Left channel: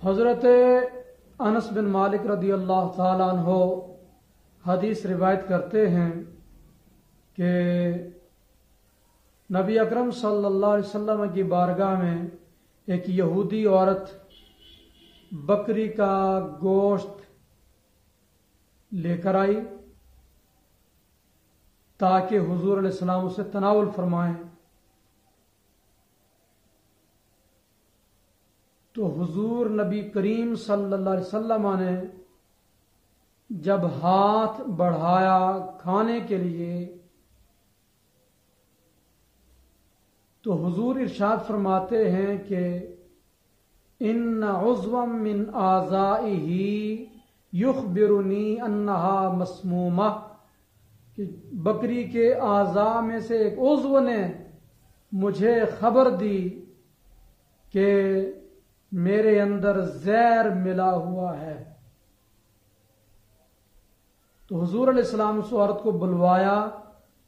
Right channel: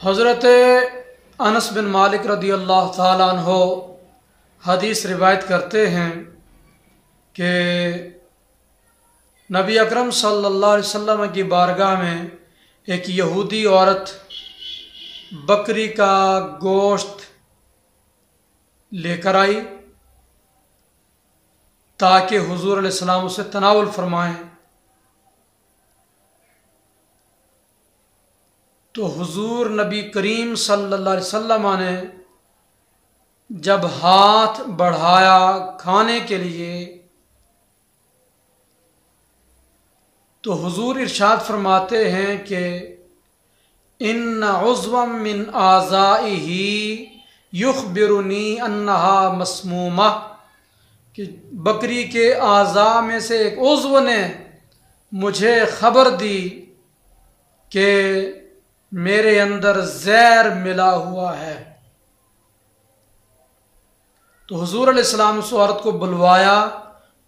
हज़रत अनस बिन मालिक रदी अल्लाह ताला अन्हो हदीस रिवायत करते हैं कि नबी अकरम सल्लल्लाहु अलैहि वसल्लम की बारगाह में एक यहूदी औरत बकरी का गोश्त लेकर आई ताकि हुजूर अलैहिस्सलाम उसे तनावुल फरमाएं। तो हुजूर नबी करीम सल्लल्लाहु अलैहि वसल्लम ने जब हाथ बढ़ाया खाने के लिए तो हुजूर इरशाद फरमाते हैं कि इन्ना उज़्वम मिन आज़ाइही युखबिरुनी अन्नहा मस्मूमा, कि बकरी के आज़ा में से एक उज़्व ने मुझे ख़बर दी कि मेरे अंदर ज़हर मिला हुआ है। तो हुजूर अलैहिस्सलाम उस औरत को बुलवाया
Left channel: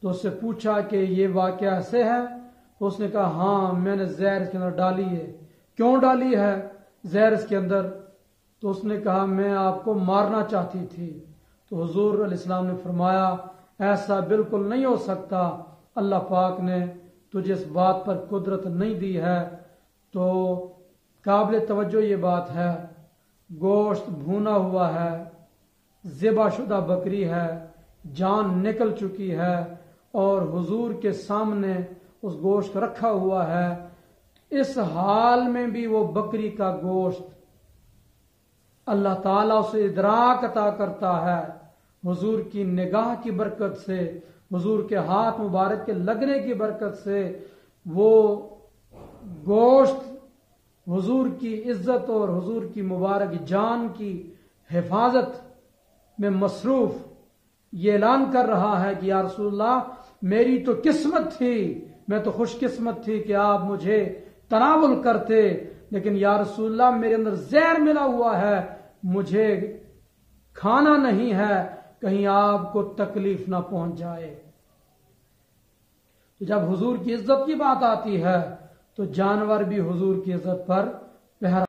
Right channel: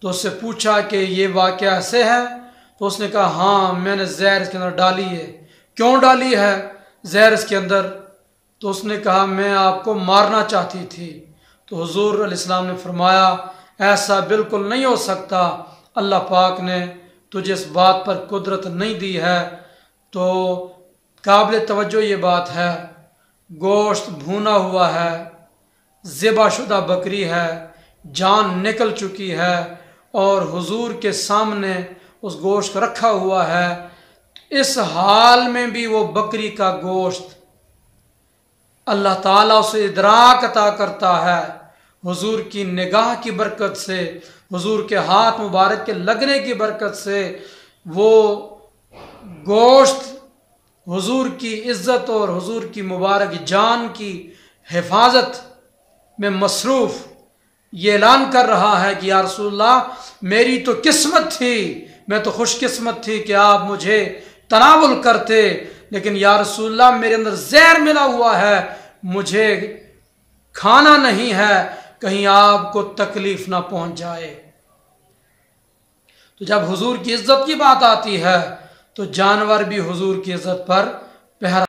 तो उससे पूछा कि ये वाक़या ऐसे है? तो उसने कहा हाँ, मैंने ज़हर इसके अंदर डाली है। क्यों डाली है ज़हर इसके अंदर? तो उसने कहा मैं आपको मारना चाहती थी। तो हुजूर अलैहिस्सलाम ने फरमाया ऐसा बिल्कुल नहीं हो सकता, अल्लाह पाक ने तुझे इस बात पर कुदरत नहीं दी है। तो काबिल तवज्जो ये बात है, गोश्त भुना हुआ है, ज़िबाशुदा बकरी है, जान निकल चुकी है और हुजूर के सामने उस गोश्त को रखा हुआ है। इस हाल में भी वो बकरी का गोश्त अल्लाह ताला उसे इदराक अता करता है। हुजूर की निगाह की बरकत से, हुजूर के हाथ मुबारक के लगने की बरकत से वो गोश्त हुजूर की इज़्ज़त और हुजूर की मुबारक जान की हिफाजत में मसरूफ़ ये ऐलान कर रहा है कि या रसूलल्लाह मेरी तो किस्मत थी, मैं तो खुशकिस्मत थी कि आप मुझे तनावुल करते, लेकिन या रसूलल्लाह मेरे अंदर ज़हर मिला हुआ है, मुझे खाना नहीं है, कहीं आपको तकलीफ ना पहुंच जाए। तो जब हुजूर की इज्जत की बात आती है तो जानवर भी हुजूर की इज्जत पर पहरा